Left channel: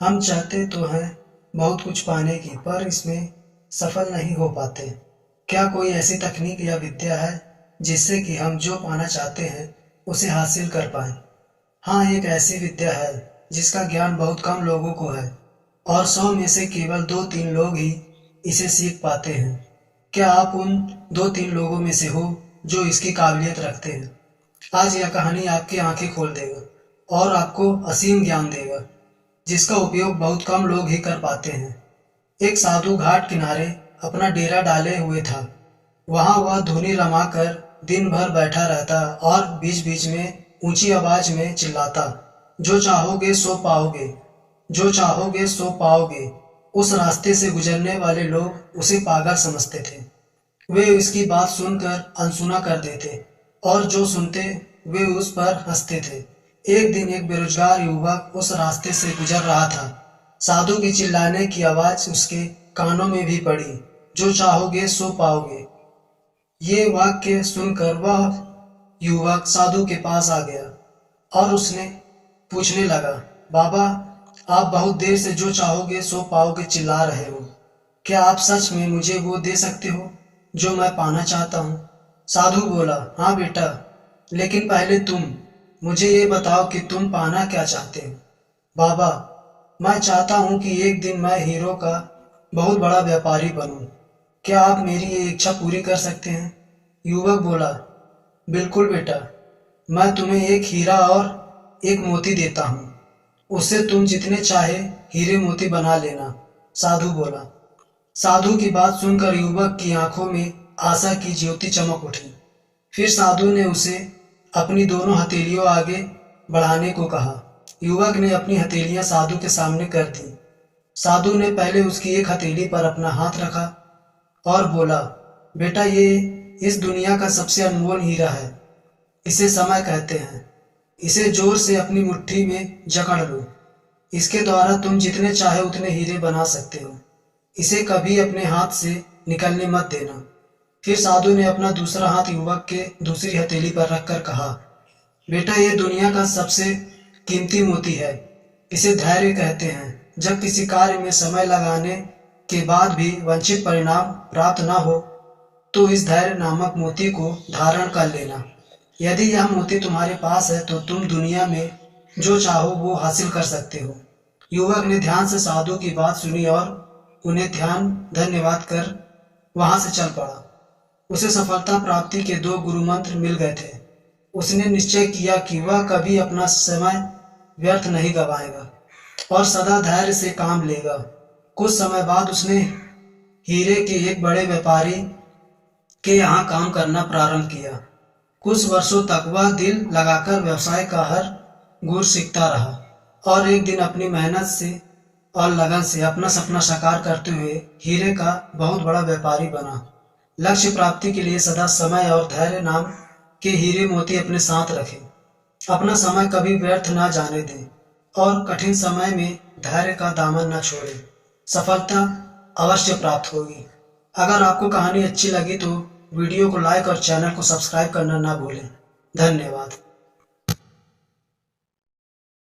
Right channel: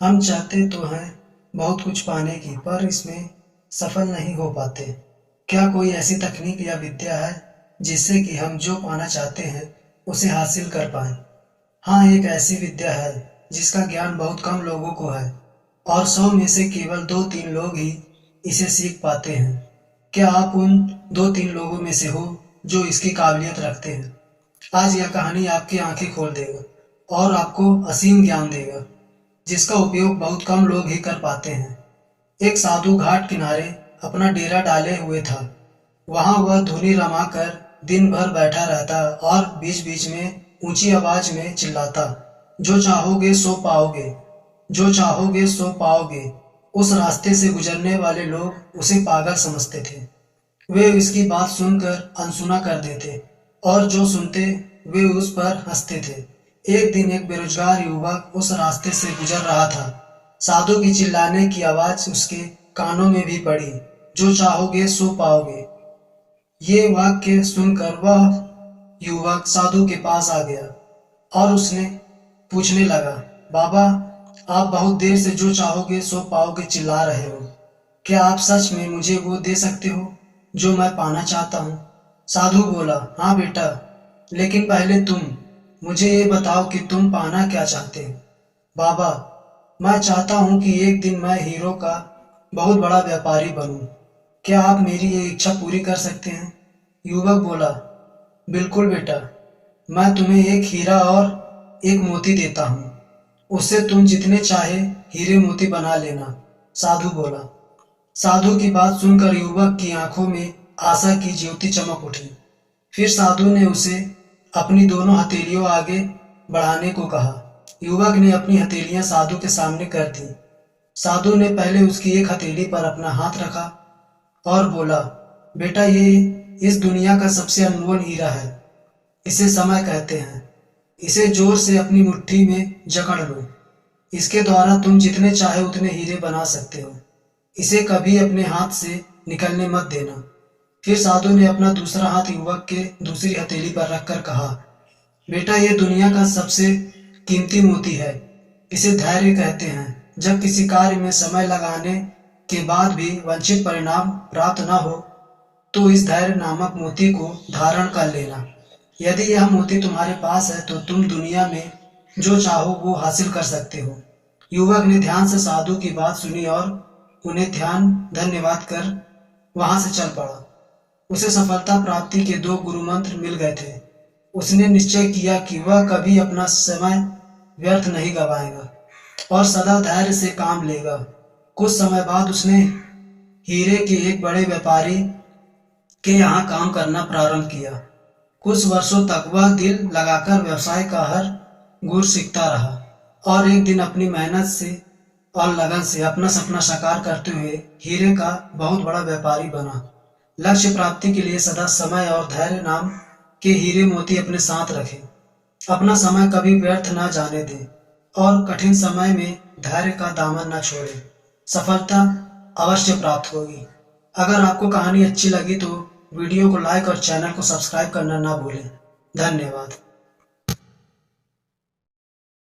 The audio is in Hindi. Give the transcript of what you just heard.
हम चाहते तो हैं बहुत कुछ पाने की, पर इसमें सफल नहीं हो पाते। क्या कोई ऐसी तकनीक या विद्या है जिससे कि हम जो पाना चाहते हैं उसे हासिल कर पाएं? हाँ, एक ऐसी विद्या है जिसका ज्ञान बहुत कम लोगों को है और 100 में से केवल 2-3 लोग ही इसे सीख पाते हैं। क्या आप उन 2-3 लोगों में से हो जो इसकी काबिलियत रखते हैं? आज यह कहानी आपकी आंखें खोल देगा और आपको असीम ज्ञान देगा जिसका उपयोग बहुत कम लोग ही कर पाते हैं। एक साधु घाट किनारे अपना डेरा डाले हुए था। वहां वह धुनी रमाकर दिन भर बैठा रहता और बीच बीच में ऊंची आवाज में चिल्लाता, जो चाहोगे सो पाओगे, जो चाहोगे सो पाओगे। उस रास्ते से गुजरने वाले लोग उसे पागल समझते थे। वे इसकी बात सुनकर अनसुना कर देते और जो सुनते वे उस पर हंसते थे। एक दिन एक बेरोजगार युवक उस रास्ते से गुजर रहा था। साधु की चिल्लाने की आवाज उसके कानों में भी पड़ी, जो चाहोगे सो पाओगे। ये वाक्य सुनकर वह युवक साधु के पास आ गया और उसने पूछने लगा, बाबा, आप बहुत देर से जो चाहोगे सो पाओगे चिल्ला रहे हो। क्या आप सच में मुझे वो दे सकते हो जो मैं पाना चाहता हूँ? साधु बोला, हाँ बेटा, लेकिन पहले तुम मुझे ये बताओ कि तुम पाना क्या चाहते हो। बाबा, मैं चाहता हूँ कि एक दिन मैं हीरो का बहुत बड़ा व्यापारी बनूं। क्या आप मेरी ये इच्छा पूरी कर सकते हैं? युवक बोला, बिल्कुल बेटा, मैं तुम्हें एक हीरा और एक मोती देता हूँ। उससे तुम जितने चाहे हीरे मोती बना लेना। साधु बोला। साधु की बात सुनकर युवक की आंखों में आशा की ज्योति चमक उठी। फिर साधु ने उसे अपनी दोनों हथेलियों आगे बढ़ाने को कहा। युवक ने अपनी हथेलियां साधु के सामने कर दी। साधु ने पहले उसकी एक हथेली पर अपना हाथ रखा और बोला, बेटा, ये इस दुनिया का सबसे अनमोल हीरा है। इसे समय कहते हैं। इसे जोर से अपनी मुट्ठी में जकड़ लो। इसके द्वारा तुम जितने चाहे उतने हीरे बना सकते हो। इसे कभी अपने हाथ से निकलने मत देना। फिर साधु ने अपना दूसरा हाथ युवक के दूसरी हथेली पर रखकर कहा, बेटा, ये दुनिया का सबसे कीमती मोती है। इसे धैर्य कहते हैं। जब किसी कार्य में समय लगाने के बाद भी वांछित परिणाम प्राप्त न हो तो इस धैर्य नामक मोती को धारण कर लेना। यदि यह मोती तुम्हारे पास है तो तुम दुनिया में जो चाहो वो हासिल कर सकते हो। युवक ने ध्यान से साधु की बात सुनी और उन्हें धन्यवाद कर वहां से चल पड़ा। उसे सफलता प्राप्ति के 2 गुरु मंत्र मिल गए थे। उसने निश्चय किया कि वह कभी अपना समय व्यर्थ नहीं गवाएगा और सदा धैर्य से काम लेगा। कुछ समय बाद उसने हीरे के एक बड़े व्यापारी के यहाँ काम करना प्रारंभ किया। कुछ वर्षों तक वह दिल लगाकर व्यवसाय का हर गुर सीखता रहा और एक दिन अपनी मेहनत से और लगन से अपना सपना साकार करते हुए हीरे का बहुत बड़ा व्यापारी बना। लक्ष्य प्राप्ति के लिए सदा समय और धैर्य नाम के हीरे मोती अपने साथ रखें। अपना समय कभी व्यर्थ ना जाने दें और कठिन समय में धैर्य का दामन न छोड़ें। सफलता अवश्य प्राप्त होगी। अगर आपको कहानी अच्छी लगी तो वीडियो को लाइक और चैनल को सब्सक्राइब करना ना भूलें। धन्यवाद।